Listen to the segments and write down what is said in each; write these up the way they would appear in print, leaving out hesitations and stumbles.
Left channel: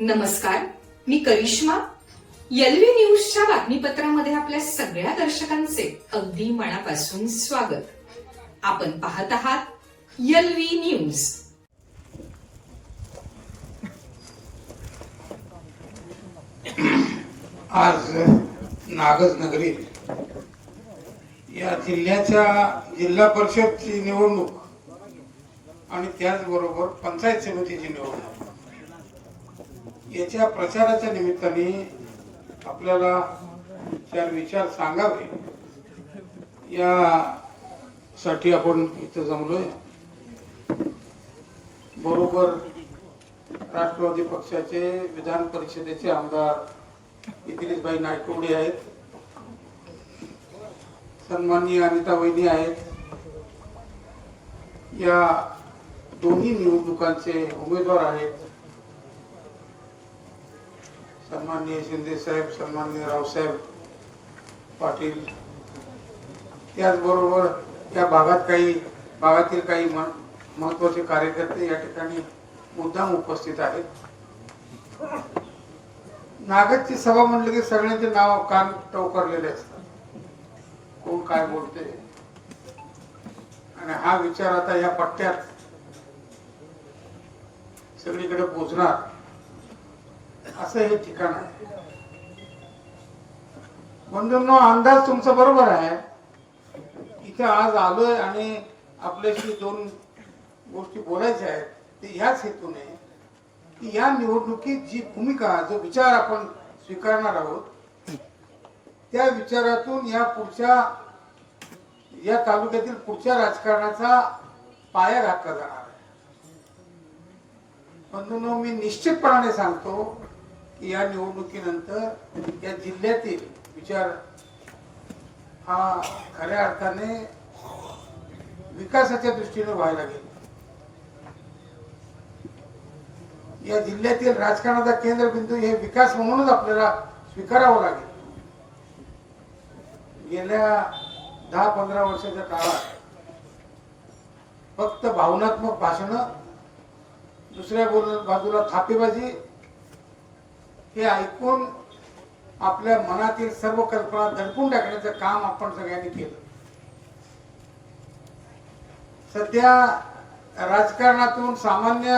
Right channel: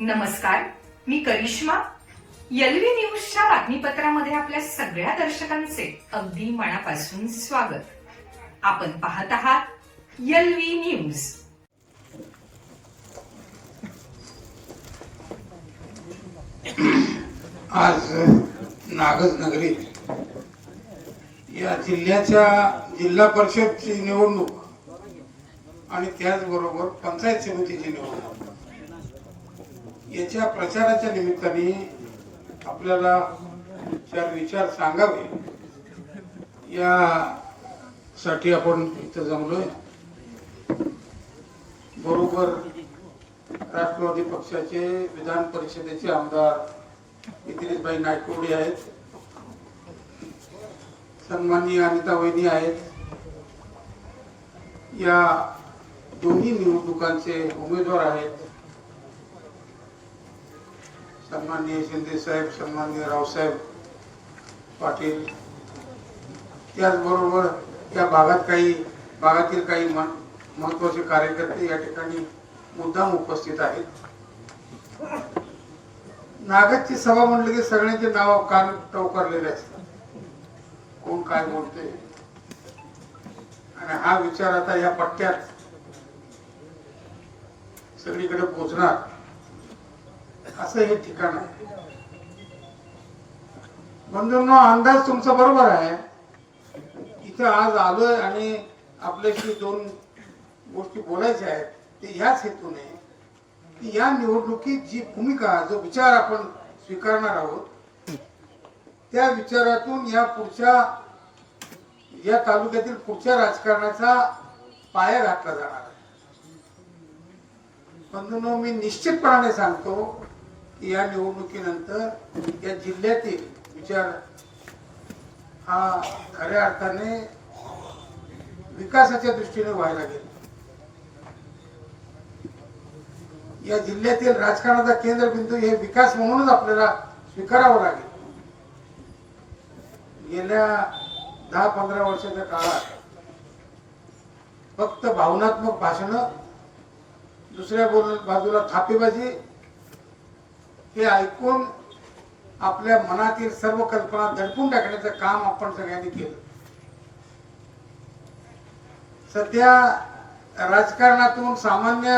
नमस्कार, मी करिश्मा. एलव्ही न्यूजच्या बातमीपत्रामध्ये आपल्या सगळ्या दर्शकांचे अगदी मनापासून स्वागत. आपण पाहत आहात एलव्ही न्यूज. आज नागज नगरीत या जिल्ह्याच्या जिल्हा परिषदची निवडणूक आणि त्याचबरोबर पंचायत समितीची निवडणूक याच्या प्रचाराच्या निमित्ताने आपल्याला चार विचार सांगावे यासाठी आपण इथं जमलोय. बरोबर राष्ट्रवादी पक्षाचे विधान परिषदेचे आमदार इतिरिसभाई नायकवडे आहेत, सन्माननीय अनिता वहिनी आहेत. या दोन्ही निवडणुकांचे उमेदवार आहेत सन्माननीय शिंदे साहेब, सन्माननीय रावसाहेब पाटील. त्याचबरोबर या भागातील काही महत्वाचे कार्यकर्ते या ठिकाणी मुद्दाम उपस्थित आहेत. नागजची सभा म्हणलं की सगळ्यांचे नाव कान टवकारलेले असतात, कोण काय बोलते. आणि हा विचार आता या पट्ट्यात सगळीकडे पोहोचणार असं हे ठिकाण आहे. बंधूंनो, अंदाज तुमचा बरोबर आहे. इथं आज आलोय आणि आपल्याशी दोन गोष्टी बोलायच्या आहेत. ते ह्याच हेतूने की या निवडणुकीत जी भूमिका, जो विचार आपण स्वीकारणार आहोत, त्या विचारातून या तालुक्यातील पुढच्या राजकारणाचा पाया घातला जाणार आहे. बंधूंनो, मी निश्चितपणाने सांगतो की या निवडणुकीनंतर या जिल्ह्यातील विचार हा खऱ्या अर्थाने विकासाच्या दृष्टीने व्हायला गेला. या जिल्ह्यातील राजकारणाचा केंद्रबिंदू हे विकास म्हणूनच आपल्याला स्वीकारावं लागेल. गेल्या 10-15 वर्षाच्या काळात फक्त भावनात्मक भाषण, दुसऱ्या बाजूला थापेबाजी हे ऐकून आपल्या मनातील सर्व कल्पना दडपून टाकण्याचं काम आपण सगळ्यांनी केलं. सध्या राजकारणातून सामान्य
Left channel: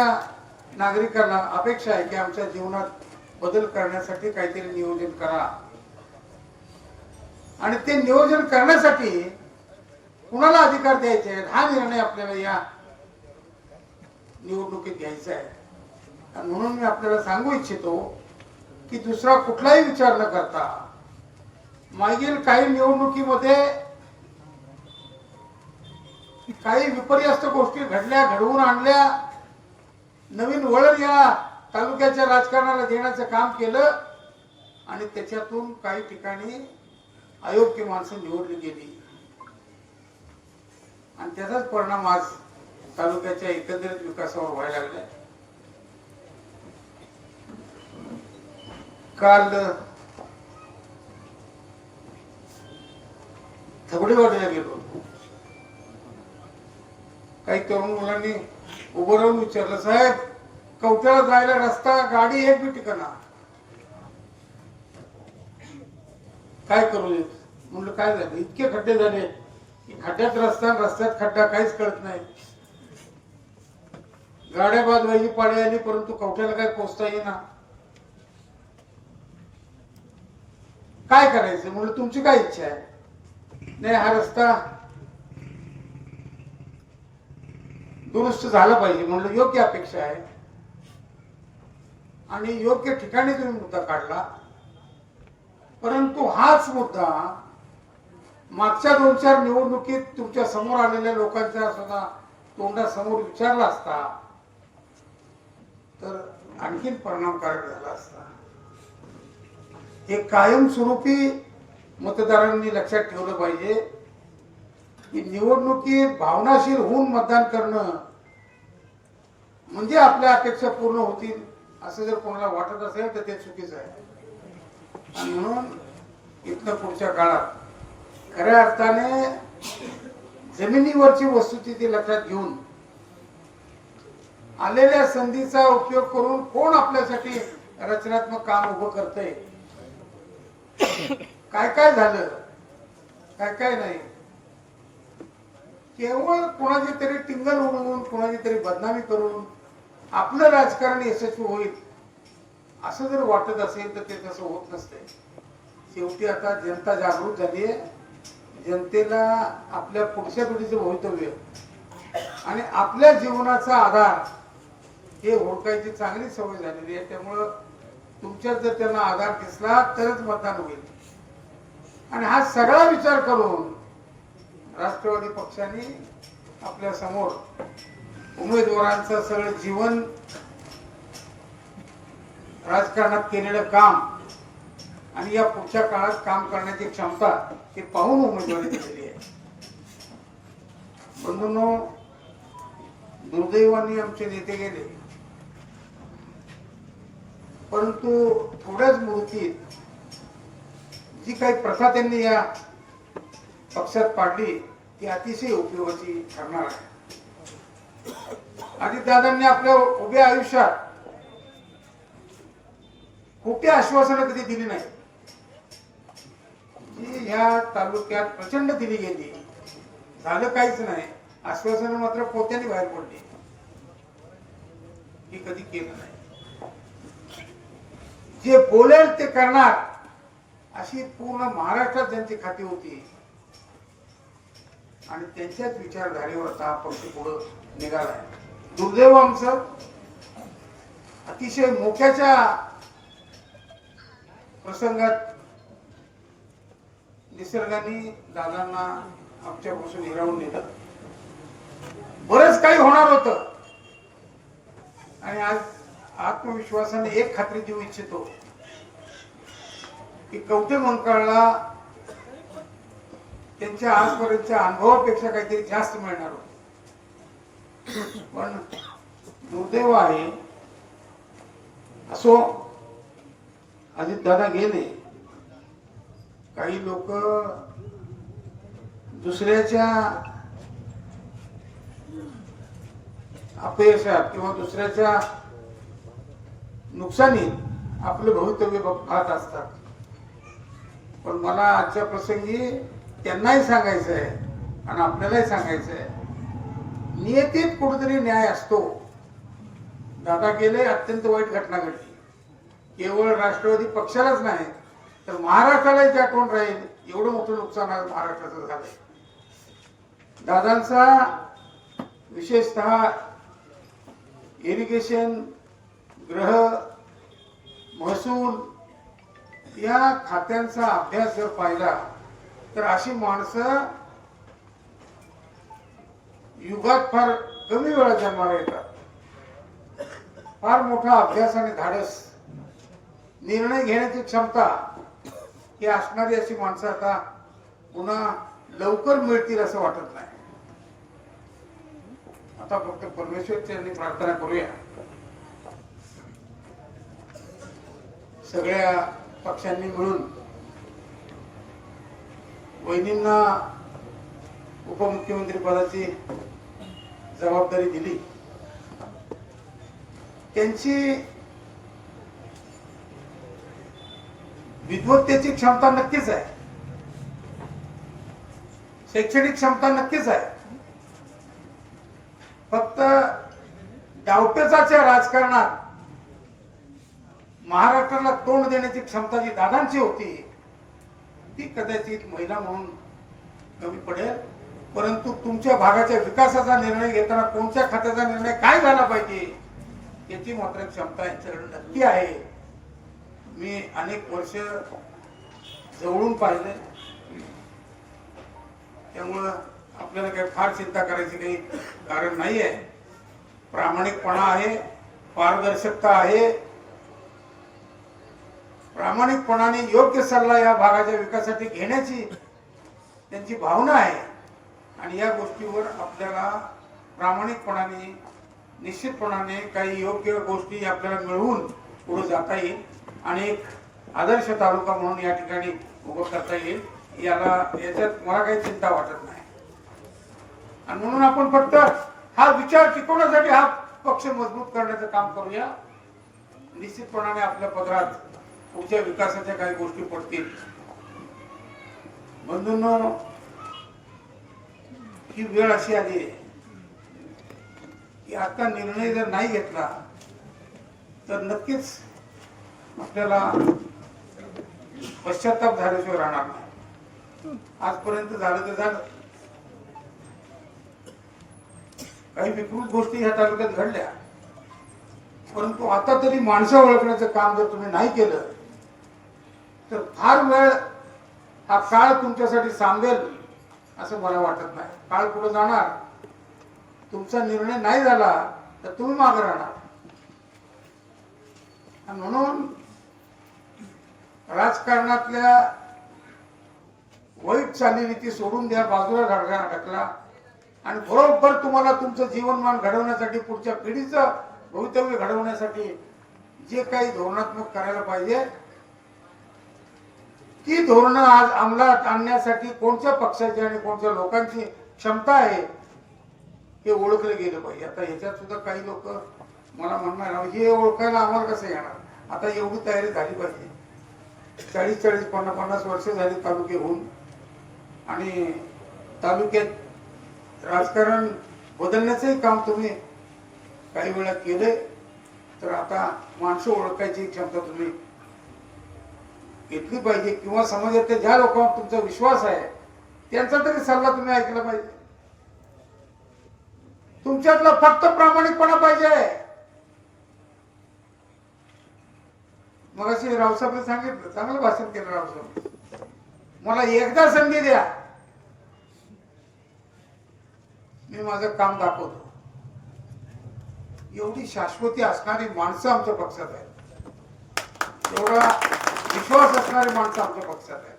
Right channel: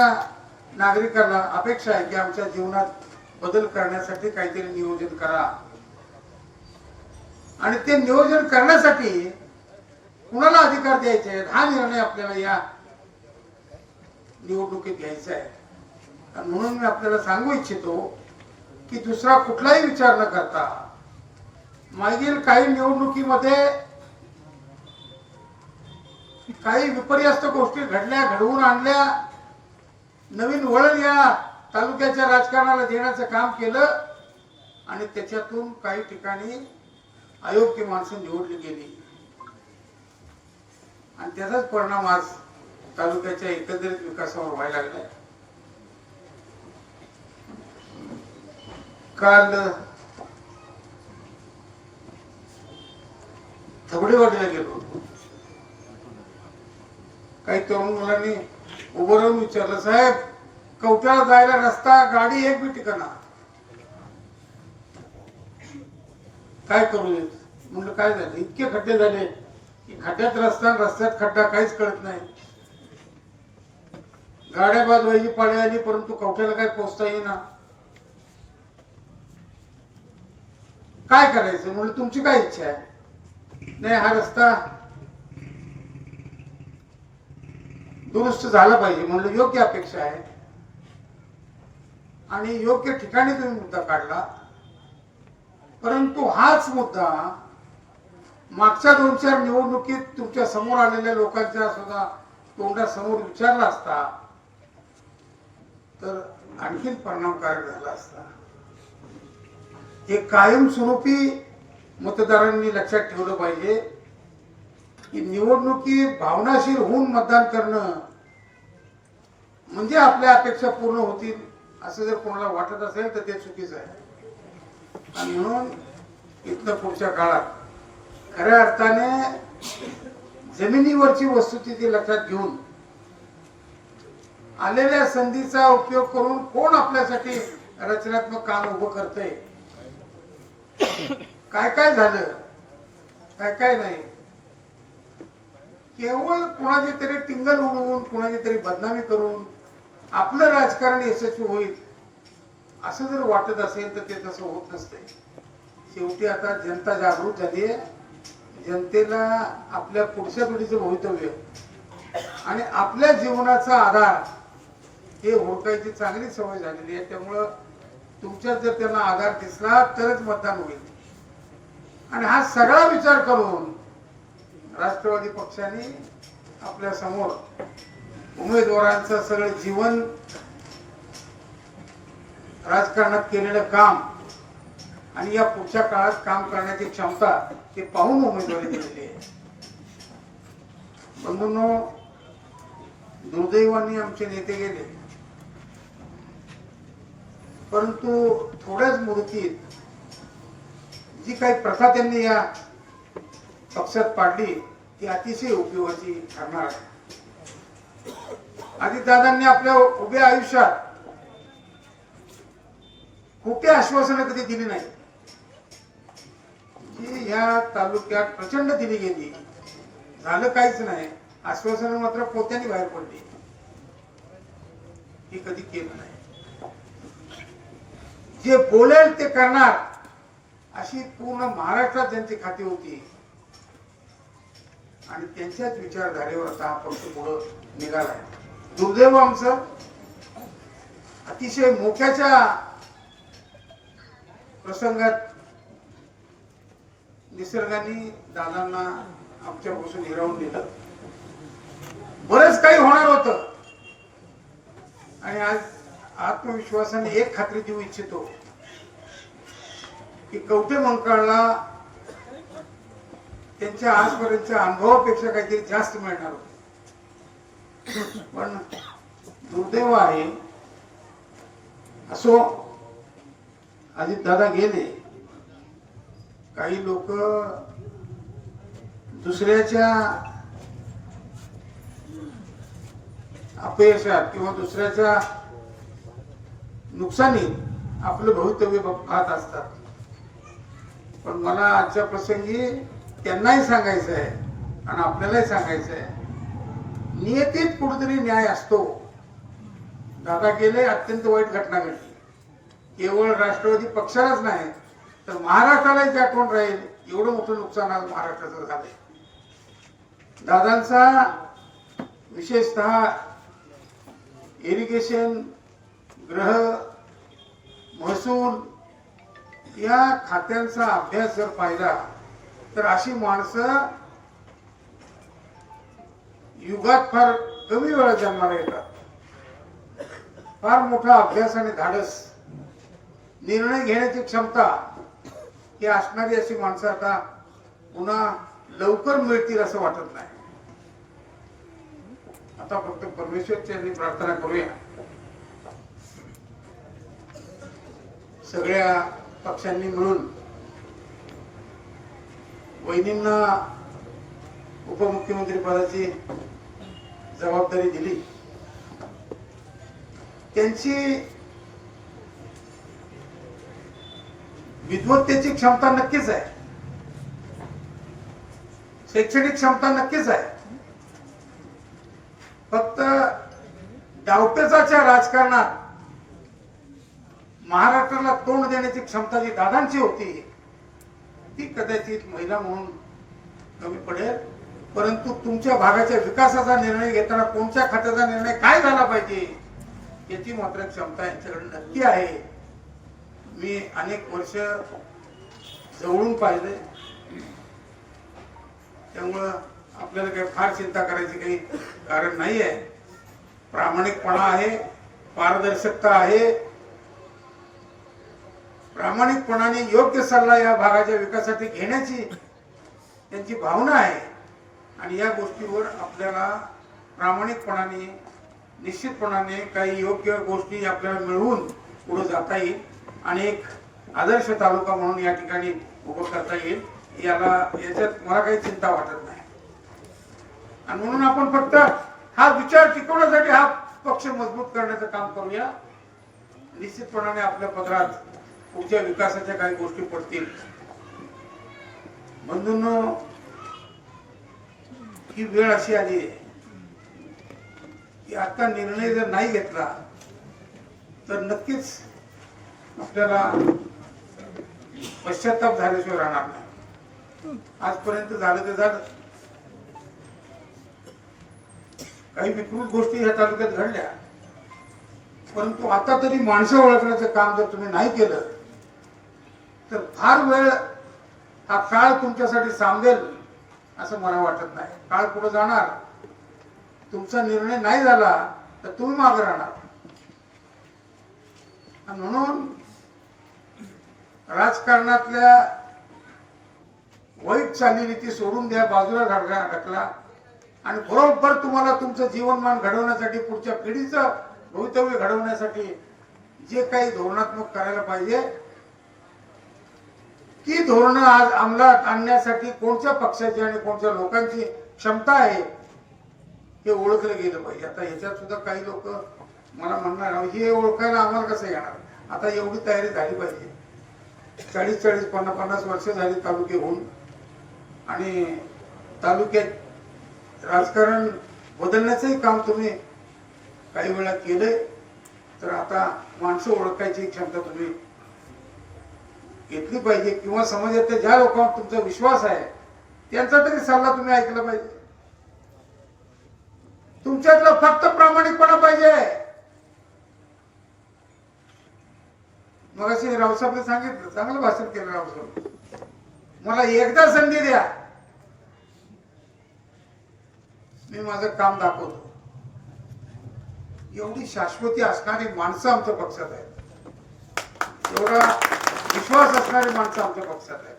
नागरिकांना अपेक्षा आहे की आमच्या जीवनात बदल करण्यासाठी काहीतरी नियोजन करा. आणि ते नियोजन करण्यासाठी कुणाला अधिकार द्यायचे आहेत हा निर्णय आपल्याला या निवडणुकीत घ्यायचा आहे. आणि म्हणून मी आपल्याला सांगू इच्छितो की दुसरा कुठलाही विचार न करता मागील काही निवडणुकीमध्ये काही विपर्यास्त गोष्टी घडल्या, घडवून आणल्या, नवीन वळण या तालुक्याच्या राजकारणाला देण्याचं काम केलं आणि त्याच्यातून काही ठिकाणी अयोग्य माणसं निवडली गेली आणि त्याचाच परिणाम आज तालुक्याच्या एकंदरीत विकासावर व्हायला लागला. काल थबडेवाडीला गेलो. काही तरुण मुलांनी उभं राहून विचारलं, साहेब कवठ्याला जायला रस्ता, गाडी एक बी ठिकाणा, काय करू? म्हणलं काय झालं? इतके खड्डे झाले की खड्ड्यात रस्ता, रस्त्यात खड्डा, काहीच कळत नाही. गाड्या बाद व्हायची पाळी आली, परंतु कवठ्याला काय पोहोचता येईना. काय करायचं? म्हणलं तुमची काय इच्छा आहे? नाही, हा रस्ता दुरुस्त झाला पाहिजे. म्हणलं योग्य अपेक्षा आहे आणि योग्य ठिकाणी तुम्ही मुद्दा काढला, परंतु हाच मुद्दा मागच्या 2-4 निवडणुकीत तुमच्या समोर आलेल्या लोकांच्या सुद्धा तोंडासमोर विचारला असता तर आणखीन परिणामकारक झाला असता. हे कायमस्वरूपी मतदारांनी लक्षात ठेवलं पाहिजे की निवडणुकीत भावनाशील होऊन मतदान करणं म्हणजे आपल्या अपेक्षा पूर्ण होतील असं जर कोणाला वाटत असेल तर ते चुकीचं आहे. आणि म्हणून इथनं पुढच्या काळात खऱ्या अर्थाने जमिनीवरची वस्तुस्थिती लक्षात घेऊन आलेल्या संधीचा उपयोग करून कोण आपल्यासाठी रचनात्मक काम उभं करतंय. काय काय झालं, काय काय नाही. केवळ कुणाची तरी टिंगल उडवून, कुणाची तरी बदनामी करून आपलं राजकारण यशस्वी होईल असं जर वाटत असेल तर ते तसं होत नसते. शेवटी आता जनता जागृत झाली आहे. जनतेला आपल्या पुढच्या पिढीचं भवितव्य आणि आपल्या जीवनाचा आधार हे ओळखायची चांगली सवय झालेली आहे. त्यामुळं तुमच्यात जर त्यांना आधार दिसला तरच मतदान होईल. आणि हा सगळा विचार करून राष्ट्रवादी पक्षाने आपल्या समोर उमेदवारांचं सगळं जीवन, राजकारणात केलेलं काम आणि या पुढच्या काळात काम करण्याची क्षमता हे पाहून उमेदवारी दिलेली आहे. बंधूंनो, दुर्दैवाने आमचे नेते गेले, परंतु थोड्याच मुदतीत जी काही प्रथा त्यांनी या पक्षात पाडली ती अतिशय उपयोगाची ठरणार आहे. अजितदादांनी आपल्या उभ्या आयुष्यात खोटी आश्वासनं कधी दिली नाही, जी या तालुक्यात प्रचंड दिली गेली. झालं काहीच नाही. आश्वासनं मात्र पोत्याने बाहेर पडली. ही कधी केलं नाही. जे बोलेल ते करणार अशी पूर्ण महाराष्ट्रात त्यांची खाती होती आणि त्यांच्याच विचारधारेवर आता हा पक्ष पुढे निघालाय. दुर्दैव आमचं, अतिशय मोक्याच्या प्रसंगात निसर्गाने दादांना आमच्यापासून हिरावून दिलं. बरंच काही होणार होतं आणि आज आत्मविश्वासाने एक खात्री देऊ इच्छितो की कवठे मंकाळला त्यांच्या आजपर्यंतच्या अनुभवापेक्षा काहीतरी जास्त मिळणार होतं. पण दुर्दैव आहे, असो, अजितदादा गेले. काही लोक दुसऱ्याच्या अपयशात किंवा दुसऱ्याच्या नुकसानीत आपलं भवितव्य पाहत असतात. पण मला आजच्या प्रसंगी त्यांनाही सांगायचं आहे आणि आपल्यालाही सांगायचं आहे, नियतीत कुठेतरी न्याय असतो. दादा गेले, अत्यंत वाईट घटना घडली. केवळ राष्ट्रवादी पक्षालाच नाही तर महाराष्ट्रालाही आठवण राहील. एवढं मोठं नुकसान आज महाराष्ट्राचं झालंय. दादांचा विशेषतः इरिगेशन, गृह, महसूल या खात्यांचा अभ्यास जर पाहिला तर अशी माणसं युगात फार कमी वेळा जन्माला येतात. फार मोठा अभ्यास आणि धाडस, निर्णय घेण्याची क्षमता ही असणारी अशी माणसं आता पुन्हा लवकर मिळतील असं वाटत नाही. आता फक्त परमेश्वरची प्रार्थना करूया, सगळ्या पक्षांनी मिळून वहिनींना उपमुख्यमंत्री पदाची जबाबदारी दिली. त्यांची विद्वत्तेची क्षमता नक्कीच आहे, शैक्षणिक क्षमता नक्कीच आहे. फक्त डावपेचाच्या राजकारणात महाराष्ट्राला तोंड देण्याची क्षमता जी दादांची होती ती कदाचित महिला म्हणून कमी पडेल. परंतु तुमच्या भागाच्या विकासाचा निर्णय घेताना कोणत्या खात्याचा निर्णय काय झाला पाहिजे याची मात्र क्षमता यांच्याकडे नक्की आहे. मी अनेक वर्ष जवळून पाहिले, त्यामुळं आपल्याला काही फार चिंता करायची काही कारण नाही आहे. प्रामाणिकपणा आहे, पारदर्शकता आहे. प्रामाणिकपणाने योग्य सल्ला या भागाच्या विकासासाठी घेण्याची त्यांची भावना आहे आणि या गोष्टीवर आपल्याला प्रामाणिकपणाने, निश्चितपणाने काही योग्य गोष्टी आपल्याला मिळवून पुढे जाता येईल आणि एक आदर्श तालुका म्हणून या ठिकाणी उभं करता येईल. याच्यात मला काही चिंता वाटत नाही. आणि म्हणून आपण फक्त हा विचार टिकवण्यासाठी हा पक्ष मजबूत करण्याचं काम करूया निश्चितपणाने आपल्या पदरात पुढच्या विकासाच्या काही गोष्टी पडतील. बंधूंनो, ही वेळ अशी आली आहे की आता निर्णय जर नाही घेतला तर नक्कीच आपल्याला पश्चाताप झाल्याशिवाय राहणार नाही. आजपर्यंत झालं ते झालं. काही विकृत गोष्टी ह्या तालुक्यात घडल्या, परंतु आता तरी माणसं ओळखण्याचं काम जर तुम्ही नाही केलं तर फार वेळ हा काळ तुमच्यासाठी सांगेल असं मला वाटत नाही. काळ पुढे जाणार, तुमचा निर्णय नाही झाला तर तुम्ही मागे राहणार. आणि म्हणून राजकारणातल्या वाईट चालीरीती सोडून द्या, बाजूला घातला आणि बरोबर तुम्हाला तुमचं जीवनमान घडवण्यासाठी, पुढच्या पिढीचं भवितव्य घडवण्यासाठी जे काही धोरणात्मक करायला पाहिजे ती धोरणं आज अंमलात आणण्यासाठी कोणत्या पक्षाची आणि कोणत्या लोकांची क्षमता आहे हे ओळखलं गेलं पाहिजे. आता ह्याच्यात सुद्धा काही लोक मला म्हणणार हे ओळखायला आम्हाला कसं येणार. आता एवढी तयारी झाली पाहिजे. 40-40, 50-50 वर्ष झाली तालुके होऊन आणि तालुक्यात राजकारण बदलण्याचंही काम तुम्ही काही वेळा केलंय. तर आता माणसं ओळखायची क्षमता तुम्ही घेतली पाहिजे, किंवा समाजातल्या ज्या लोकांवर तुमचा विश्वास आहे त्यांचा तरी सल्ला तुम्ही ऐकला पाहिजे. तुमच्यातला फक्त प्रामाणिकपणा पाहिजे. मगाशी रावसाहेबांनी सांगितलं, चांगलं भाषण केलं रावसाहेब. मला एकदा संधी द्या, मी माझं काम दाखवतो. एवढी शाश्वती असणारी माणसं आमच्या पक्षात आहेत, एवढा विश्वास असणारी माणसं आमच्या पक्षात आहेत.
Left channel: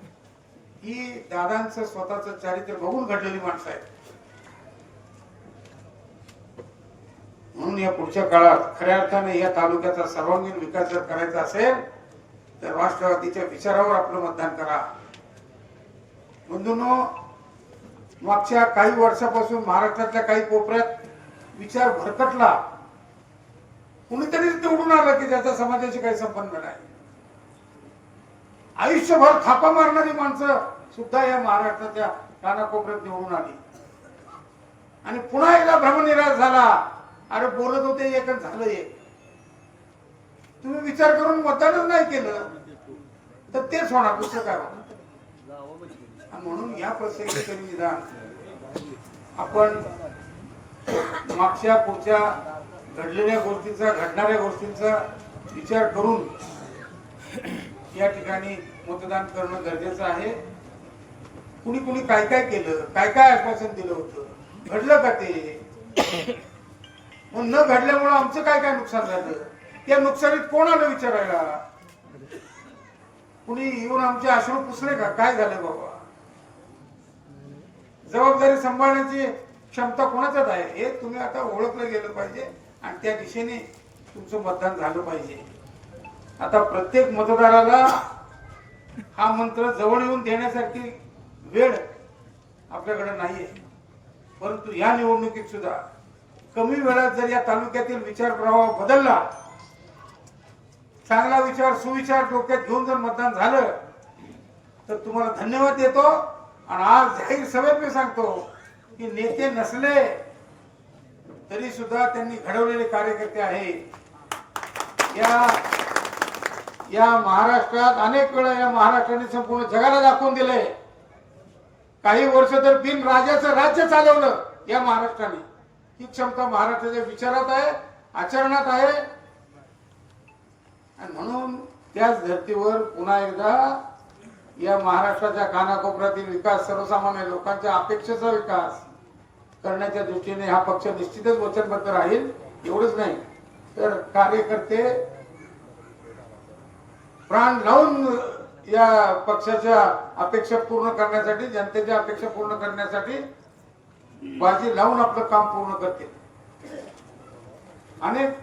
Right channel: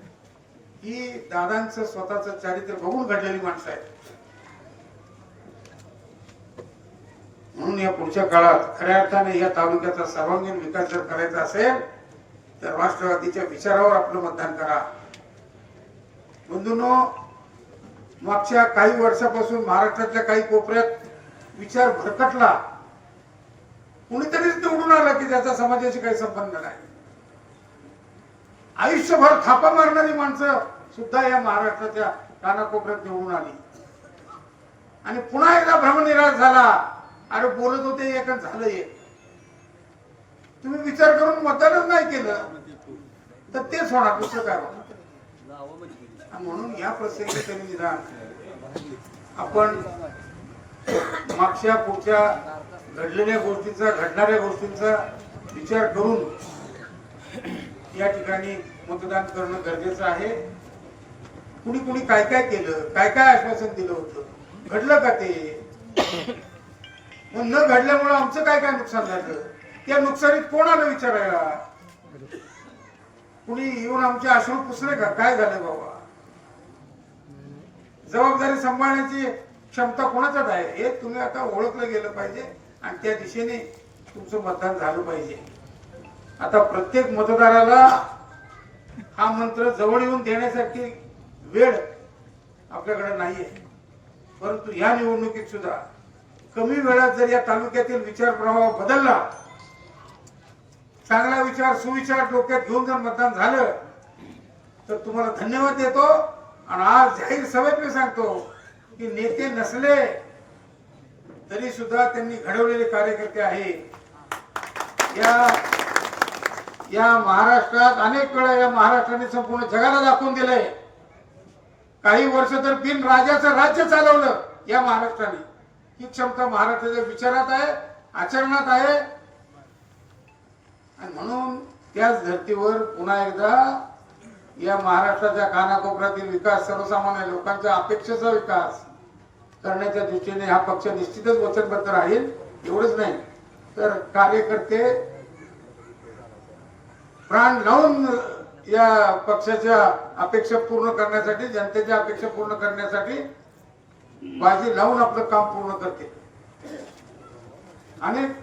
ही दादांचं स्वतःचं चारित्र्य बघून घडलेली माणसं आहेत. म्हणून या पुढच्या काळात खऱ्या अर्थाने या तालुक्याचा सर्वांगीण विकास जर करायचा असेल तर राष्ट्रवादीच्या विचारावर आपलं मतदान करा. बंधूंनो, मागच्या काही वर्षापासून महाराष्ट्रातल्या काही कोपऱ्यात विचार भरकटला. कुणीतरीच निवडून आलं की त्याचा समाजाशी काही संबंध नाही. आयुष्यभर थापा मारणारी माणसं सुद्धा या महाराष्ट्राच्या कानाकोपऱ्यात निवडून आली आणि पुन्हा एकदा भ्रमनिराश झाला. अरे बोलत होते एक आणि झालं एक. तुम्ही विचार करून मतदानच नाही केलं तर तेच होणार, दुसरं काय होणार. म्हणून या प्रसंगी तरी निदान आपण मागच्या पुढच्या घडलेल्या गोष्टींचा, घडणाऱ्या गोष्टींचा विचार करून या ठिकाणी मतदान करणं गरजेचं आहे. कुणी कुणी काय काय केलं, काय काय आश्वासन दिलं होतं, घडलं का ते? मग न घडल्यामुळे आमचं काय काय नुकसान झालं, त्या नुकसानीत कोणाला विचारायला? कुणी येऊन आमचे अश्रू पुसले का? काय झाले बाबा? जबाबदारी सांभाळण्याची क्षमता कोणाच्यात आहे हे तुम्ही आता ओळखलं गेलं पाहिजे आणि त्या दिशेने तुमचं मतदान झालं पाहिजे. आता प्रत्येक मतदाराला हा मंत्र जवळ येऊन देण्यासाठी वेळ आपल्याकडे नाहीये, परंतु या निवडणुकीत सुद्धा कमी वेळात जर या तालुक्यातील विचार प्रवाह बदलला, चांगला विचार, सुविचार डोक्यात घेऊन जर मतदान झालं तर तुम्हाला धन्यवाद देतो. आणि आज जाहीर सभेत मी सांगतो की नेते नसले तरी सुद्धा त्यांनी घडवलेले कार्यकर्ते आहे. या महाराष्ट्रात अनेक वेळा या महाराष्ट्राने संपूर्ण जगाला दाखवून दिलंय. काही वर्ष तर बिन राजाचं राज्य चालवलं या महाराष्ट्राने. ही क्षमता महाराष्ट्राच्या विचारात आहे, आचरणात आहे. आणि म्हणून त्याच धर्तीवर पुन्हा एकदा या महाराष्ट्राच्या कानाकोपऱ्यातील विकास, सर्वसामान्य लोकांच्या अपेक्षेचा विकास करण्याच्या दृष्टीने हा पक्ष निश्चितच वचनबद्ध राहील. एवढंच नाही तर कार्यकर्ते प्राण लावून या पक्षाच्या अपेक्षा पूर्ण करण्यासाठी, जनतेच्या अपेक्षा पूर्ण करण्यासाठी बाजी लावून आपलं काम पूर्ण करते. अनेक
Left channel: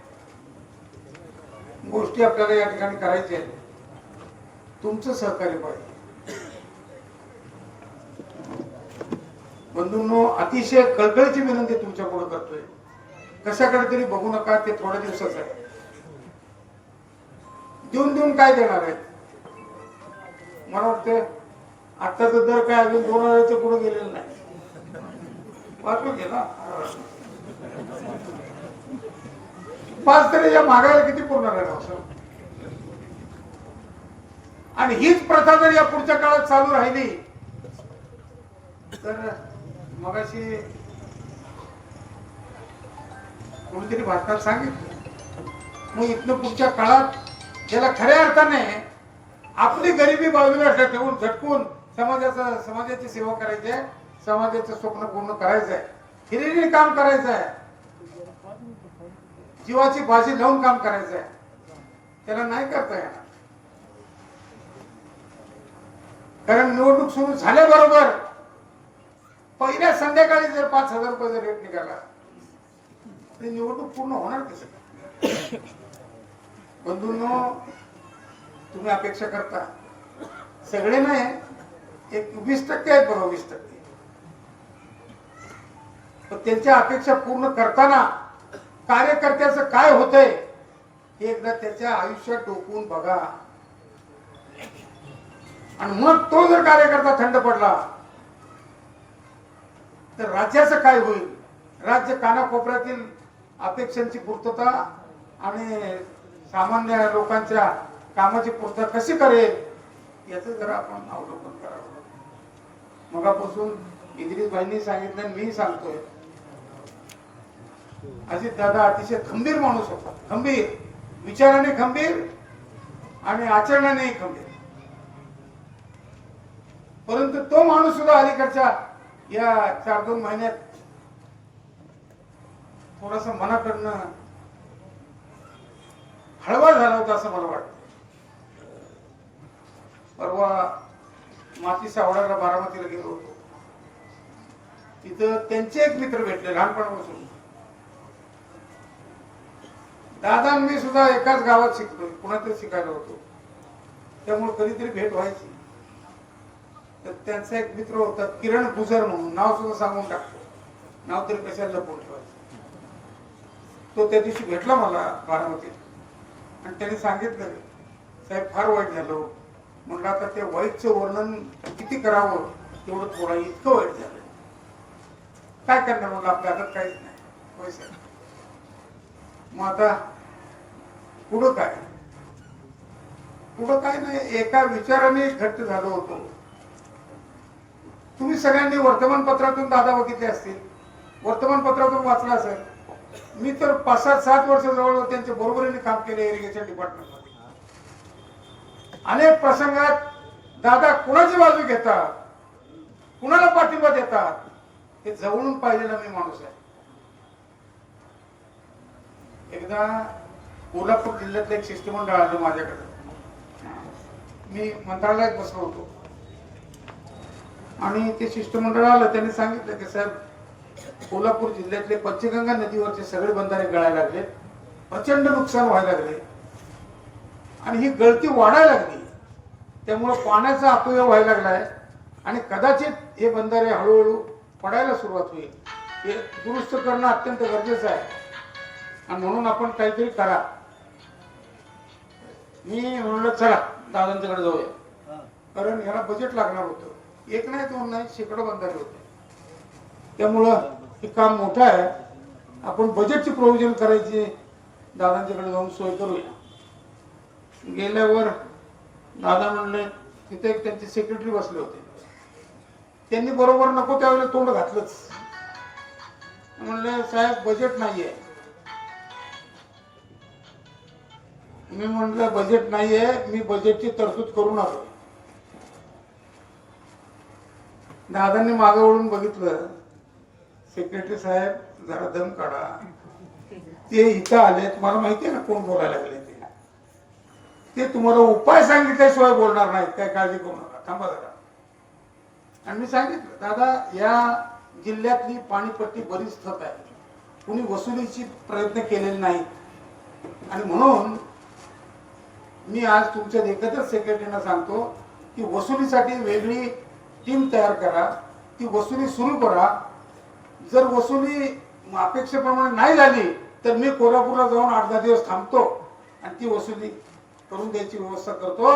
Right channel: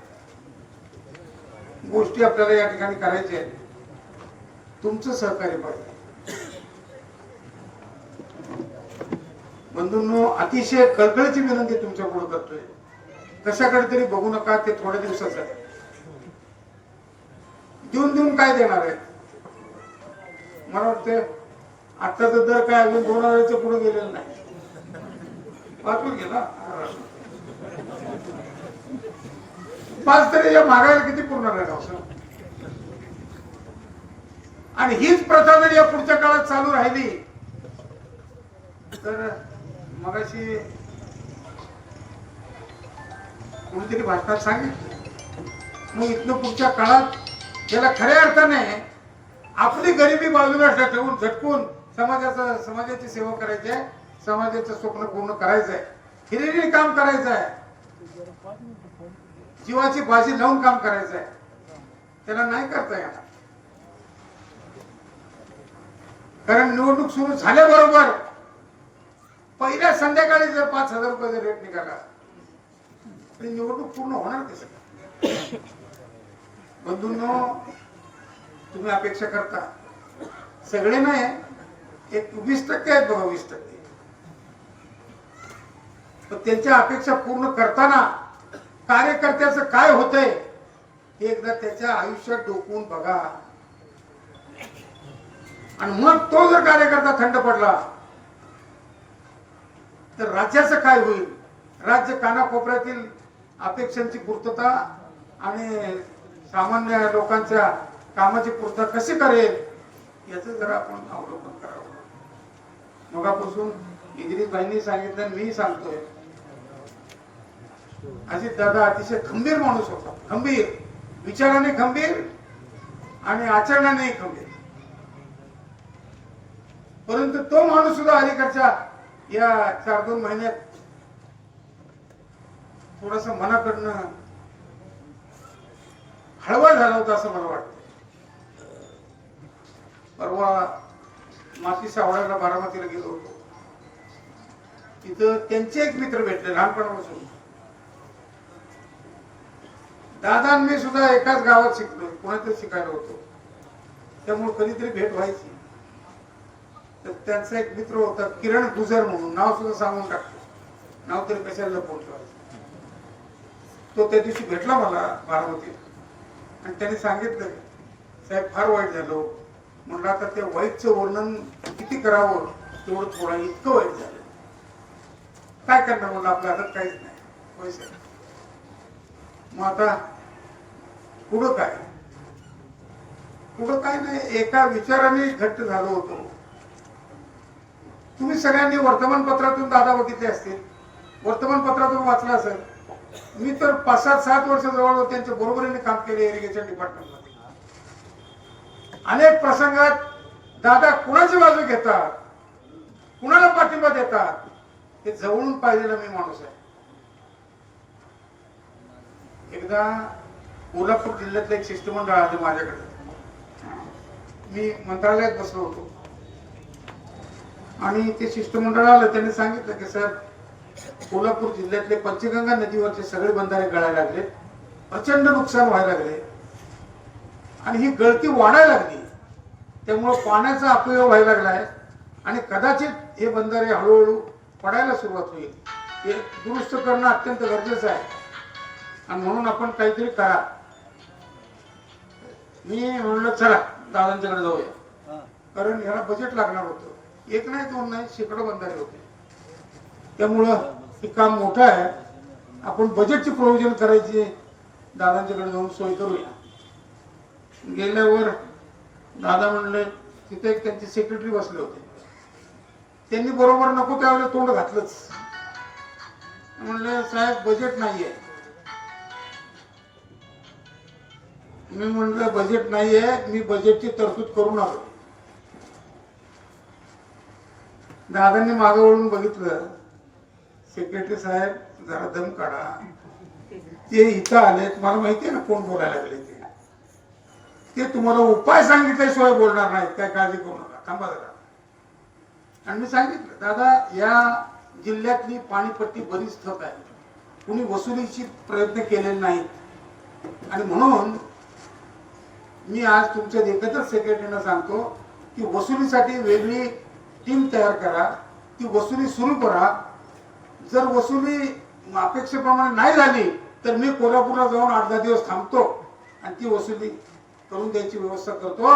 गोष्टी आपल्याला या ठिकाणी करायच्या आहेत. तुमचं सहकार्य पाहिजे. बंधूंनो, अतिशय कळकळीची विनंती तुमच्या पुढे करतोय. कशाकडे तरी बघू नका, ते थोड्या दिवसाचं आहे. देऊन देऊन काय देणार आहेत? मला वाटतं आत्ताचा दर काय अजून 2000च्या पुढे गेलेलं नाही. वाचून घे ना. 5 तरी या महागाईला किती पूर्ण राहणार? आणि हीच प्रथा जर या पुढच्या काळात चालू राहिली तर मगाशी कोणीतरी भाषणात सांगितलं, मग इथनं पुढच्या काळात ज्याला खऱ्या अर्थाने आपली गरिबी बाजूला ठेवून झटकून समाजाची सेवा करायची आहे, समाजाचं स्वप्न पूर्ण करायचं आहे, हिरिरीने काम करायचं आहे, जीवाची बाजी लावून काम करायचं आहे, त्याला नाही करता येणार. कारण निवडणूक सुरू झाल्याबरोबर पहिल्या संध्याकाळी जर 5,000 रुपये रेट निघाला तर निवडणूक पूर्ण होणार कशी? बंधूंनो, तुम्ही अपेक्षा करता सगळे नाही, एक 20% आहेत बघा, 20%. पण त्यांच्या अपेक्षा पूर्ण करताना कार्यकर्त्याचं काय होतंय हे एकदा त्याच्या आयुष्यात डोकून बघा. आणि मग तो जर कार्यकर्ता थंड पडला तर राज्याचं काय होईल? राज्य कानाकोपऱ्यातील अपेक्षांची पूर्तता आणि सामान्य लोकांच्या कामाची पूर्तता कशी करेल याचं जरा आपण अवलोकन करावं. मगापासून इद्रिस भाईंनी सांगितलं आणि मी सांगतोय, अजित दादा अतिशय खंबीर माणूस होता. खंबीर विचाराने, खंबीर आणि आचरणानेही खंबीर. परंतु तो माणूस सुद्धा अलीकडच्या या 4-2 महिन्यात थोडासा मनाकडनं हळवा झाला होता असं मला वाटतं. परवा माती सावळायला बारामतीला गेलो होतो. तिथं त्यांचे एक मित्र भेटले लहानपणापासून. दादा मी सुद्धा एकाच गावात शिकलो, पुण्यातच शिकायला होतो, त्यामुळे कधीतरी भेट व्हायची. तर त्यांचा एक मित्र होता किरण गुजर म्हणून, नाव सुद्धा सांगून टाकतो, नाव तरी कशाला लपवून ठेवायचं. तो त्या दिवशी भेटला मला बारामतीत आणि त्याने सांगितलं, साहेब फार वाईट झालं. म्हणलं आता ते वाईटचं वर्णन किती करावं तेवढं थोडं, इतकं वाईट झालं. काय करणार म्हणलं, आपल्या हातात काहीच नाही, पैसे. मग आता पुढं काय? पुढं काय नाही, एका विचाराने घट्ट झालो होतो. तुम्ही सगळ्यांनी वर्तमानपत्रातून दादा बघितले असतील, वर्तमानपत्रातून वाचलं असेल. मी तर 5-7 वर्ष जवळ त्यांच्या बरोबरीने काम केले इरिगेशन डिपार्टमेंटमध्ये. अनेक प्रसंगात दादा कुणाची बाजू घेतात, कुणाला पाठिंबा देतात हे जवळून पाहिलेला मी माणूस आहे. एकदा कोल्हापूर जिल्ह्यातलं एक शिष्टमंडळ आलं माझ्याकडे. मी मंत्रालयात बसलो होतो आणि ते शिष्टमंडळ आलं. त्यांनी सांगितलं की साहेब, कोल्हापूर जिल्ह्यातले पंचगंगा नदीवरचे सगळे बंधारे गळायला लागले, प्रचंड नुकसान व्हायला लागले आणि ही गळती वाढायला लागली. त्यामुळे पाण्याचा अपव्यय व्हायला लागलाय आणि कदाचित हे बंधारे हळूहळू पडायला सुरुवात होईल. हे दुरुस्त करणं अत्यंत गरजेचं आहे आणि म्हणून आपण काहीतरी करा. मी म्हणलं चला दादांच्याकडे जाऊया, कारण याला बजेट लागणार होतं. 1 नाही 2 नाही, शेकडो बंधारे होते. त्यामुळं हे काम मोठं आहे, आपण बजेटची प्रोव्हिजन करायची, दादांच्याकडे जाऊन सोय करूया. गेल्यावर दादा म्हणले, तिथे एक त्यांचे सेक्रेटरी बसले होते. त्यांनी बरोबर नको त्यावेळेला तोंड घातलंच. म्हणले साहेब बजेट नाहीये. मी म्हणलं बजेट नाहीये, मी बजेटची तरतूद करून आलो. दादांनी मागे वळून बघितलं, सेक्रेटरी साहेब जरा दम काढा, ते इथं आलेत, मला माहितीये ना कोण बोलायला लागले ते तुम्हाला उपाय सांगितल्याशिवाय बोलणार नाहीत, काय काळजी करू नका, थांबा जरा. आणि मी सांगितलं, दादा या जिल्ह्यातली पाणीपट्टी बरीच ठप आहे, कुणी वसुलीची प्रयत्न केलेले नाहीत आणि म्हणून मी आज तुमच्या एकत्रच सेक्रेटरीना सांगतो की वसुलीसाठी वेगळी टीम तयार करा, ती वसुली सुरू करा. जर वसुली अपेक्षेप्रमाणे नाही झाली तर मी कोल्हापूरला जाऊन 8-10 दिवस थांबतो आणि ती वसुली करून द्यायची व्यवस्था करतो.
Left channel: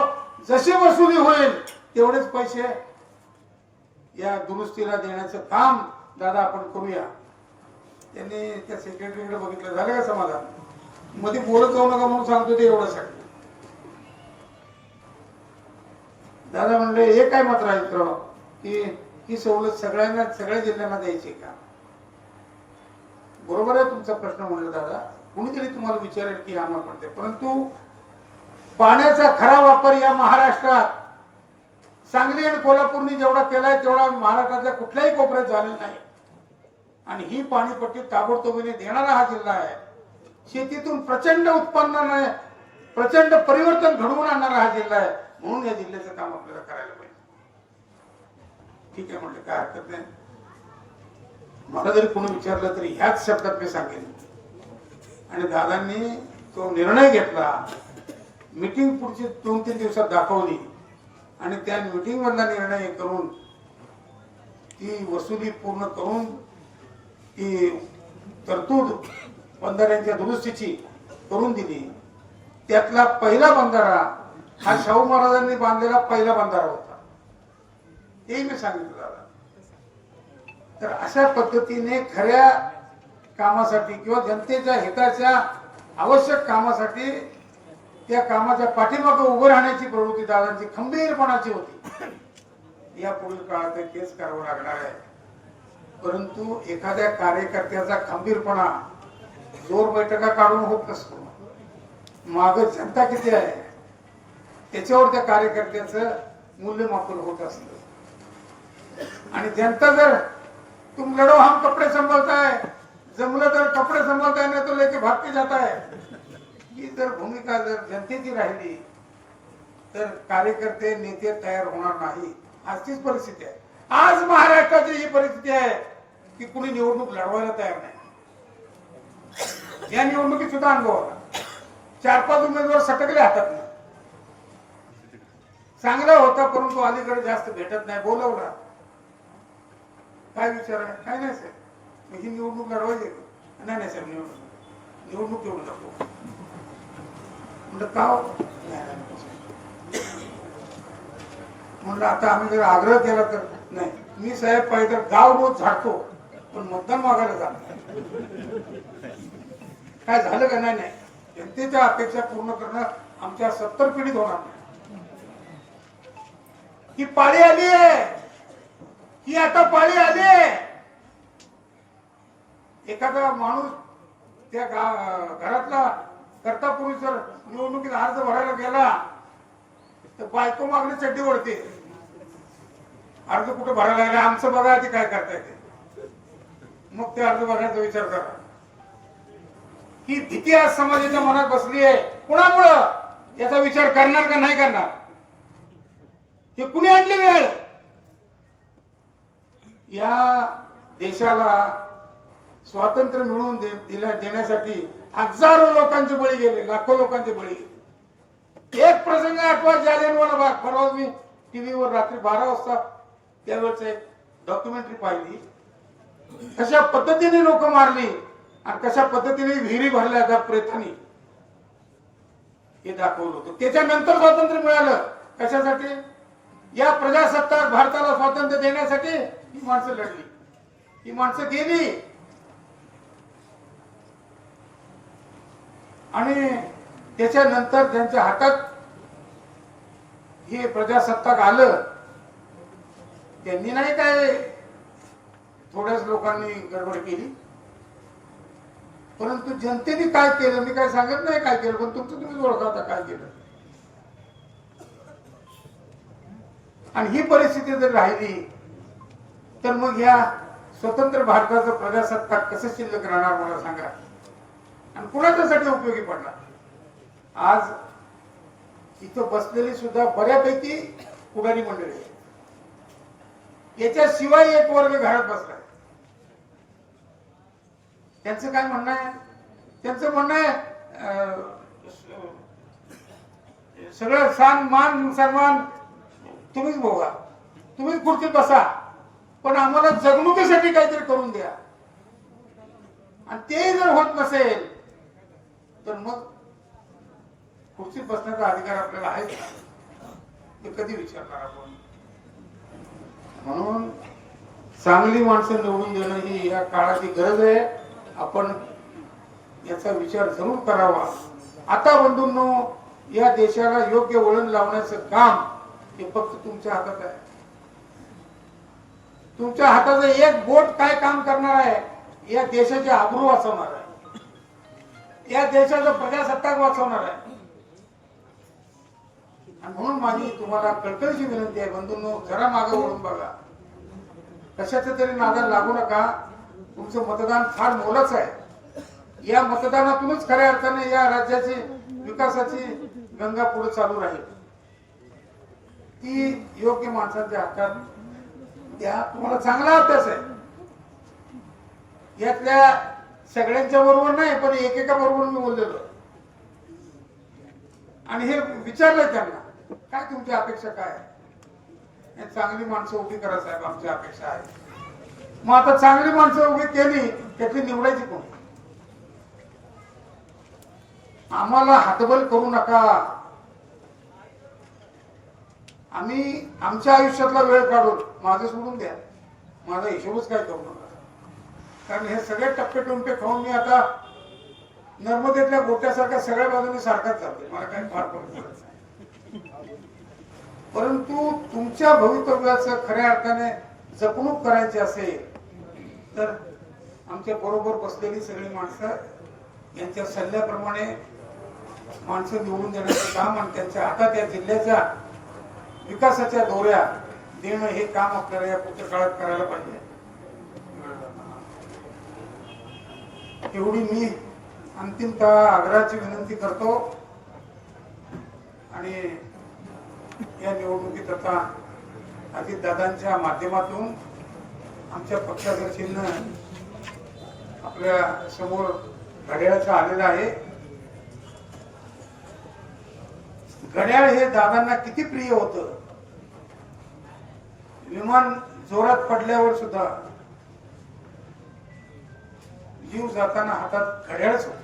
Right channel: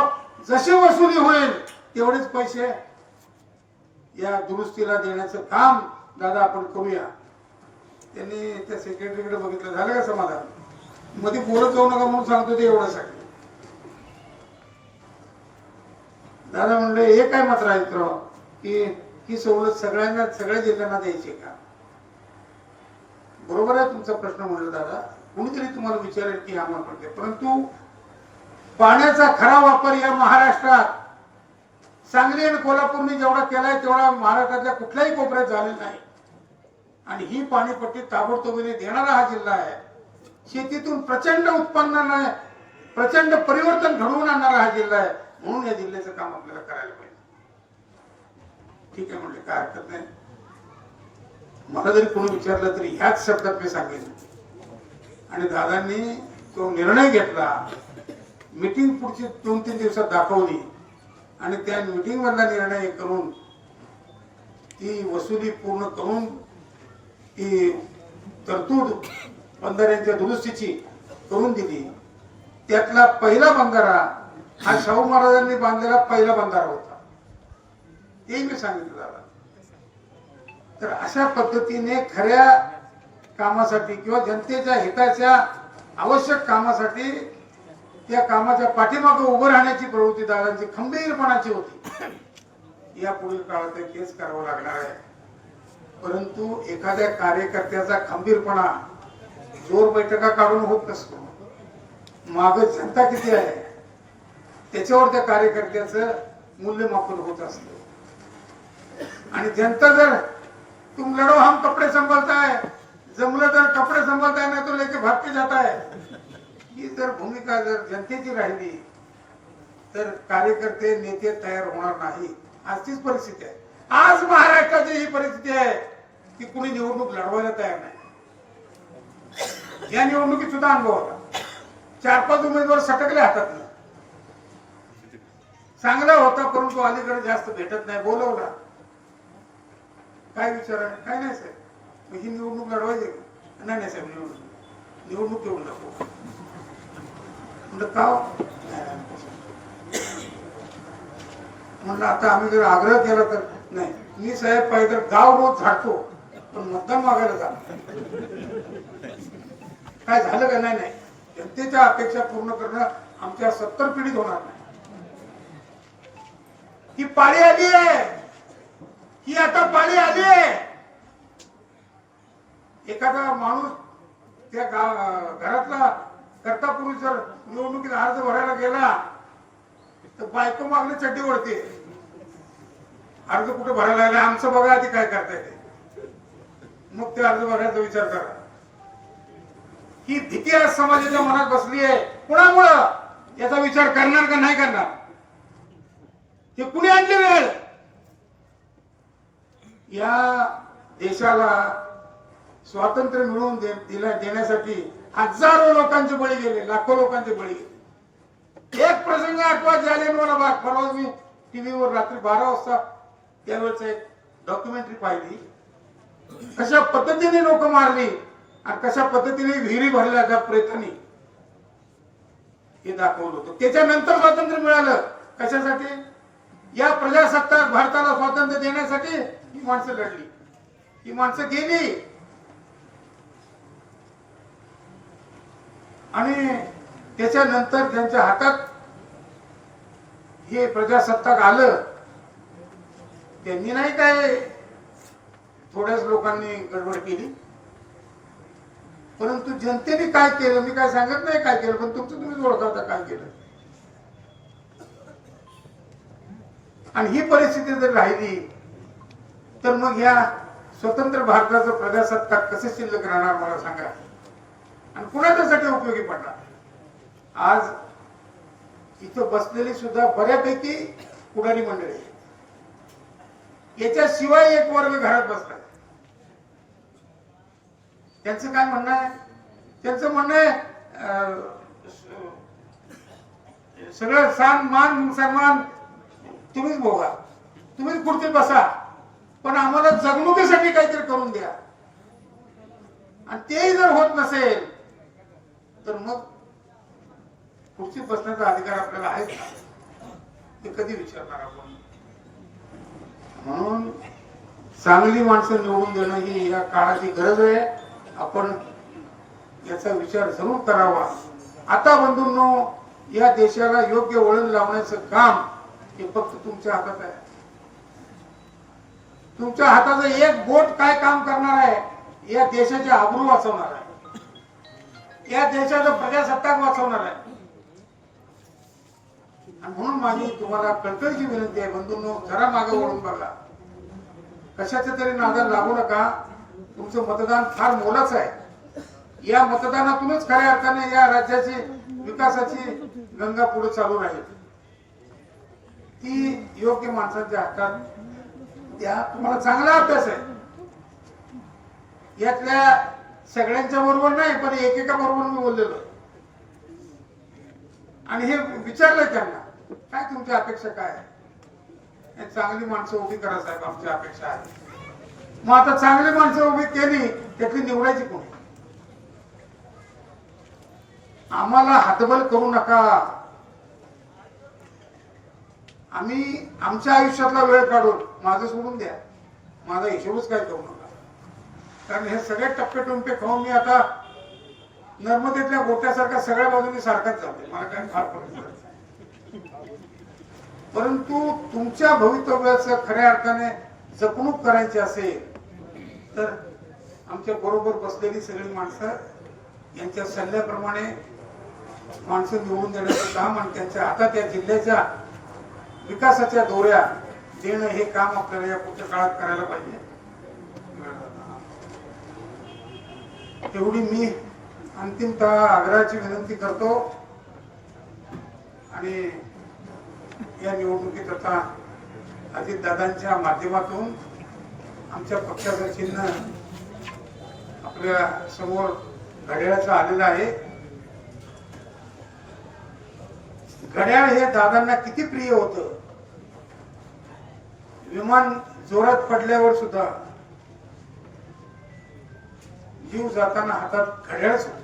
जशी वसुली होईल तेवढेच पैसे या दुरुस्तीला देण्याचं काम दादा आपण करूया. त्यांनी त्या सेक्रेटरीकडे बघितलं, झालं का समाधान? मध्ये बोलत जाऊ नका म्हणून सांगतो ते एवढं सांग. दादा म्हणले हे काय मात्र आहे मित्र की ही सवलत सगळ्यांना सगळ्या जिल्ह्यांना द्यायची का? बरोबर आहे तुमचा प्रश्न म्हणलं दादा, कुणीतरी तुम्हाला विचारेल की आम्हाला पडते, परंतु पाण्याचा खरा वापर या महाराष्ट्रात सांगली आणि कोल्हापूरने जेवढा केलाय तेवढा महाराष्ट्रातल्या कुठल्याही कोपऱ्यात झालेला नाही. आणि ही पाणीपट्टी ताबडतोबीने देणारा हा जिल्हा आहे. शेतीतून प्रचंड उत्पन्न प्रचंड परिवर्तन घडवून आणणारा हा जिल्हा आहे. म्हणून या जिल्ह्याचं काम आपल्याला करायला पाहिजे. ठीक आहे म्हणले, काय हरकत नाही. मला जरी कोणी विचारलं तरी ह्याच शब्दात मी सांगेन. आणि दादांनी तो निर्णय घेतला, मीटिंग पुढची 2-3 दिवसात दाखवली आणि त्या मीटिंग मधला निर्णय करून ती वसुली पूर्ण करून ती तरतूद बंधाऱ्यांच्या दुरुस्तीची करून दिली. त्यातला पहिला बंधारा हा शाहू महाराजांनी बांधलेला पहिला बंधारा होता, हे मी सांगितलं दादा. तर अशा पद्धतीने खऱ्या कामासाठी किंवा जनतेच्या हिताच्या आवश्यक कामासाठी त्या कामाच्या पाठीमागे उभं राहण्याची प्रवृत्ती दादांची खंबीरपणाची होती. या पुढील काळात तेच करावं लागणार आहे. परंतु एखाद्या कार्यकर्त्याचा खंबीरपणा जोर बैठका काढून होत नसतो. माग जनता किती आहे त्याच्यावर त्या कार्यकर्त्याचं मूल्यमापन होत असतं. आणि जनता जर तुम लढो हम कपडे संभालता है, जमलं तर कपडे संभालता नाही तो लेके भाग के जाता है, ही जर भूमिका जर जनतेची राहिली तर कार्यकर्ते नेते तयार होणार नाही. आज तीच परिस्थिती आहे. आज महाराष्ट्राची ही परिस्थिती आहे की कुणी निवडणूक लढवायला तयार नाही. या निवडणुकीत सुद्धा अनुभव आला, 4-5 उमेदवार सटकले हातात. चांगला होता परंतु अलीकडे जास्त भेटत नाही. बोलवला काय विचार आहे? काय नाही साहेब, ही निवडणूक लढवायची का? नाही साहेब, निवडणूक घेऊन नको म्हणलं का? म्हणलं आता आम्ही जर आग्रह केला तर नाही. मी साहेब पाहिजे तर गाव रोज झाडतो पण मतदान मागायला जात काय झालं का? नाही जनतेच्या अपेक्षा पूर्ण करणं आमच्या 70 पिढीत होणार नाही. ही पाळी आली आहे, ही आता पाळी आली आहे. एखादा माणूस त्या घरातला करता पुरुष जर निवडणुकीत अर्ज भरायला गेला तर बायको मागणी चड्डी ओढते. अर्ज कुठे भरायला लागला, आमचं बघा आधी काय करता येते, मग ते अर्ज भरायचा विचार करा. ही भीती आज समाजाच्या मनात बसली आहे. कुणामुळं? याचा विचार करणार का नाही करणार? हे कुणी आणली वेळ? या देशाला स्वातंत्र्य मिळवून देण्यासाठी हजारो लोकांचे बळी गेले, लाखो लोकांचे बळी गेले. एक प्रसंग आठवा, जालियनवाला बाग. परवा मी टीव्हीवर रात्री 12 वाजता त्यावेळेस एक डॉक्युमेंटरी पाहिली. कशा पद्धतीने लोक मारली आणि कशा पद्धतीने विहिरी भरल्या त्या प्रेतांनी, हे दाखवलं होतं. त्याच्यानंतर स्वातंत्र्य मिळालं. कशासाठी? या प्रजासत्ताक भारताला स्वातंत्र्य देण्यासाठी ही माणसं लढली, ही माणसं गेली. आणि त्याच्यानंतर त्यांच्या हातात हे प्रजासत्ताक आलं. त्यांनी नाही काय थोड्याच लोकांनी गडबड केली, परंतु जनतेने काय केलं मी काय सांगत नाही काय केलं, पण तुमचं तुम्हीच ओळखवता काय केलं. आणि ही परिस्थिती जर राहिली तर मग या स्वतंत्र भारताचं प्रजासत्ताक कसं शिल्लक राहणार मला सांगा, आणि कुणाच्यासाठी उपयोगी पडणार? आज इथं बसलेली सुद्धा बऱ्यापैकी पुढारी मंडळी, याच्याशिवाय एक वर्ग घरात बसला. त्यांचं काय म्हणणं आहे? त्यांचं म्हणणं आहे सगळं मान सन्मान तुम्हीच भोगा, तुम्हीच खुर्चीत बसा, पण आम्हाला जगणुकीसाठी काहीतरी करून द्या. आणि ते जर होत नसेल तर मग खुर्चीत बसण्याचा अधिकार आपल्याला आहे का, हे कधी विचारणार आपण? म्हणून चांगली माणसं निवडून देणं ही या काळाची गरज आहे. आपण याचा विचार जरूर करावा. आता बंधूंनो, या देशाला योग्य वळण लावण्याचं काम हे फक्त तुमच्या हातात आहे. तुमच्या हाताचं एक बोट काय काम करणार आहे? या देशाचे आबरू वाचवणार आहे, या देशाचं प्रजासत्ताक वाचवणार आहे. आणि म्हणून माझी तुम्हाला कळकळीची विनंती आहे, बंधूंनो, जरा मागे वळून बघा. कशाच्या तरी नादाला लागू नका. तुमचं मतदान फार मोलाचं आहे. या मतदानातूनच खऱ्या अर्थाने या राज्याची विकासाची गंगा पुढे चालू राहील. ती योग्य माणसांच्या हातात द्या. तुम्हाला चांगला अभ्यास आहे. यातल्या सगळ्यांच्या बरोबर नाही, पण एकेका बरोबर मी बोललेलो आणि हे विचारलंय त्यांना, काय तुमच्या अपेक्षा काय आहे? चांगली माणसं उभी करा साहेब, आमची अपेक्षा आहे. मग आता चांगली माणसं उभी केली, त्यातली निवडायची कोण? आम्हाला हातबल करू नका. आम्ही आमच्या आयुष्यातला वेळ काढून, माझं सोडून द्या, माझा हिशोबच काय करू नका. कारण हे सगळे टप्पे टुंपे खाऊन मी आता नर्मदेतल्या गोट्यासारखा सगळ्या बाजूने सारखाच जाते. मला काही फार फरक पडत नाही. परंतु तुमच्या भवितव्याचं खऱ्या अर्थाने जपणूक करायची असेल तर आमच्या बरोबर बसलेली सगळी माणसं यांच्या सल्ल्याप्रमाणे माणसं निवडून देण्याचं काम आणि त्यांच्या हातात या जिल्ह्याच्या विकासाच्या दोऱ्या देणं हे काम आपल्याला या पुढच्या काळात करायला पाहिजे. एवढी मी अंतिमतः आग्रहाची विनंती करतो. आणि या निवडणुकीत आता अजितदादांच्या माध्यमातून आमच्या पक्षाचं चिन्ह आपल्या समोर घड्याळाचं आलेलं आहे. घड्याळ हे दादांना किती प्रिय होतं. विमान जोरात पडल्यावर सुद्धा जीव जाताना हातात घड्याळच होते.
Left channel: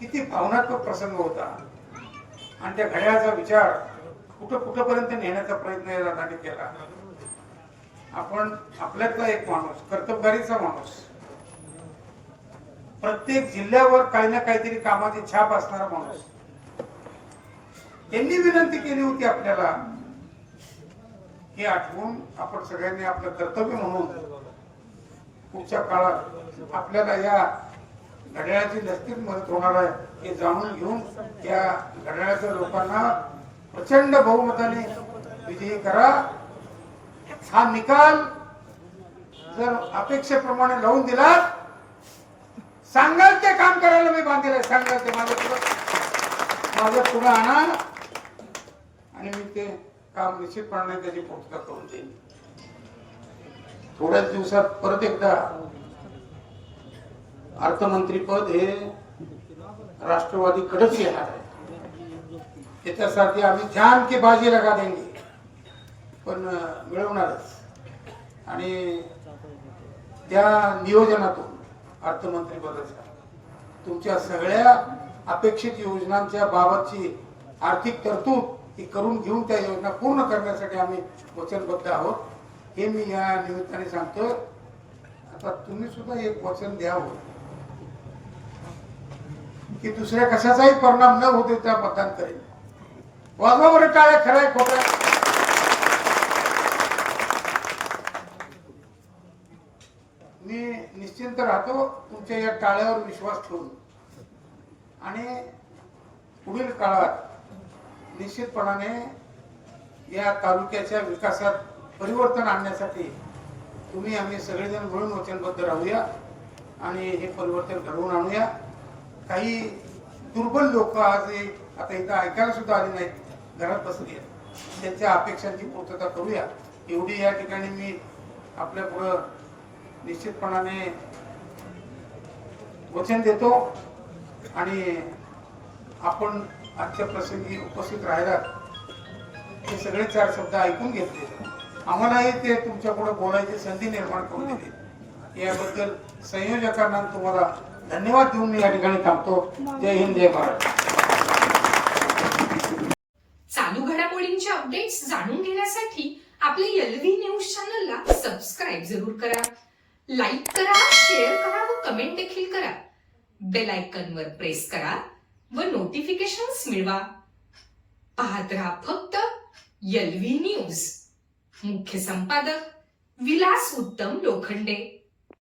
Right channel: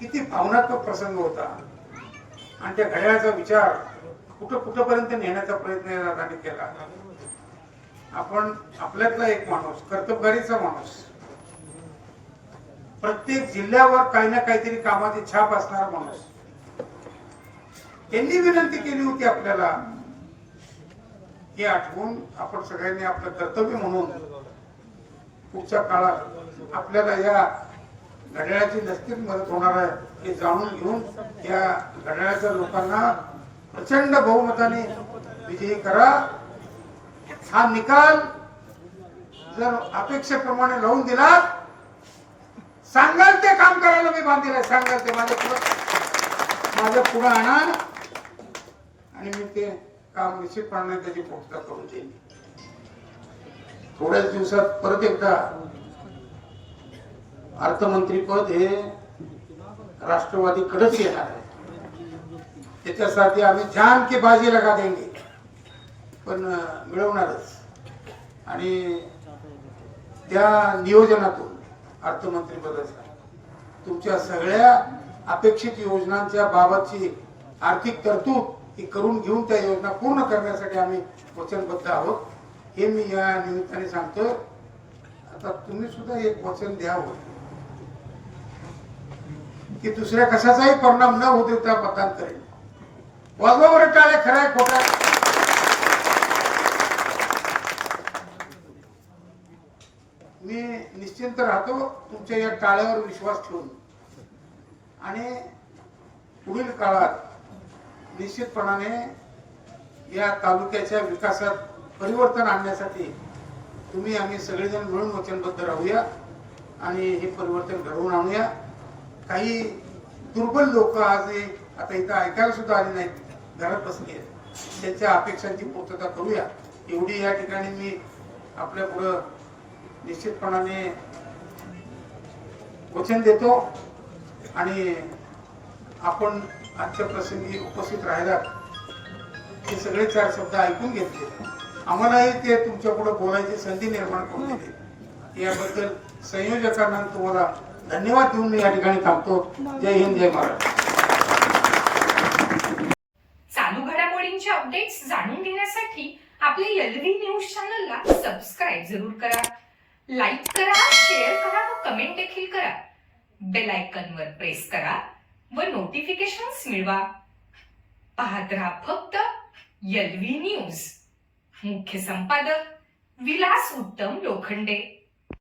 किती भावनात्मक प्रसंग होता. आणि त्या घड्याळाचा विचार कुठपर्यंत नेण्याचा प्रयत्न या दादांनी केला. आपण आपल्यातला एक माणूस, कर्तबगारीचा माणूस, प्रत्येक जिल्ह्यावर काही ना काहीतरी कामाची छाप असणारा माणूस. त्यांनी विनंती केली होती आपल्याला, हे आठवून आपण सगळ्यांनी आपलं कर्तव्य म्हणून पुढच्या काळात आपल्याला या घड्याळाची नक्कीच मदत होणार आहे हे जाणून घेऊन या घड्याळाच्या लोकांना प्रचंड बहुमताने विजयी करा. हा निकाल जर अपेक्षेप्रमाणे लावून दिला, सांगाल ते काम करायला मी बांधील आहे. सांगाल ते माझ्या पुढे आणा आणि मी ते काम निश्चितपणे त्याची पूर्तता करून देईन. थोड्याच दिवसात परत एकदा अर्थमंत्रीपद हे राष्ट्रवादीकडेच येणार आहे. त्याच्यासाठी आम्ही जान की बाजी लगा देंगे, पण मिळवणारच. आणि त्या नियोजनातून अर्थमंत्रीपदाचा तुमच्या सगळ्या अपेक्षित योजनांच्या बाबतची आर्थिक तरतूद ही करून घेऊन त्या योजना पूर्ण करण्यासाठी आम्ही वचनबद्ध आहोत, हे मी या निमित्ताने सांगतोय. आता तुम्ही सुद्धा एक वचन द्यावं की दुसऱ्या कशाचाही परिणाम न होऊ देता मतदान करेल. वाजवा बरं टाळ्या, खऱ्या खोट्या. मी निश्चिंत राहतो तुमच्या या टाळ्यावर विश्वास ठेवून. आणि पुढील काळात निश्चितपणाने या तालुक्याच्या विकासात परिवर्तन आणण्यासाठी तुम्ही आम्ही सगळेजण मिळून वचनबद्ध राहूया आणि हे परिवर्तन घडवून आणूया. काही दुर्बल लोक आज आता इथं ऐकायला सुद्धा आले नाहीत, घरात बसली आहेत, त्यांच्या अपेक्षांची पूर्तता करूया एवढी या ठिकाणी मी आपल्या पुढं निश्चितपणाने वचन देतो. आणि आपण आजच्या प्रसंगी उपस्थित राहिला हे सगळे चार शब्द ऐकून घेतले, आम्हालाही ते तुमच्या पुढे बोलायची संधी निर्माण करून दिली. याबद्दल संयोजकांना तुम्हाला धन्यवाद देऊन मी या ठिकाणी थांबतो. जय हिंद, जय महाराष्ट्र. निवडणुकांचे अपडेट्स जाणून घेण्यासाठी आपल्या एलव्ही न्यूज चॅनलला सबस्क्राईब जरूर करा, लाईक करा, शेअर करा व कमेंट देखील करा. बेल आयकॉनवर प्रेस करा व नोटिफिकेशन्स मिळवा. पाहत रहा फक्त एलव्ही न्यूज. मुख्य संपादक विलास उत्तम लोखंडे.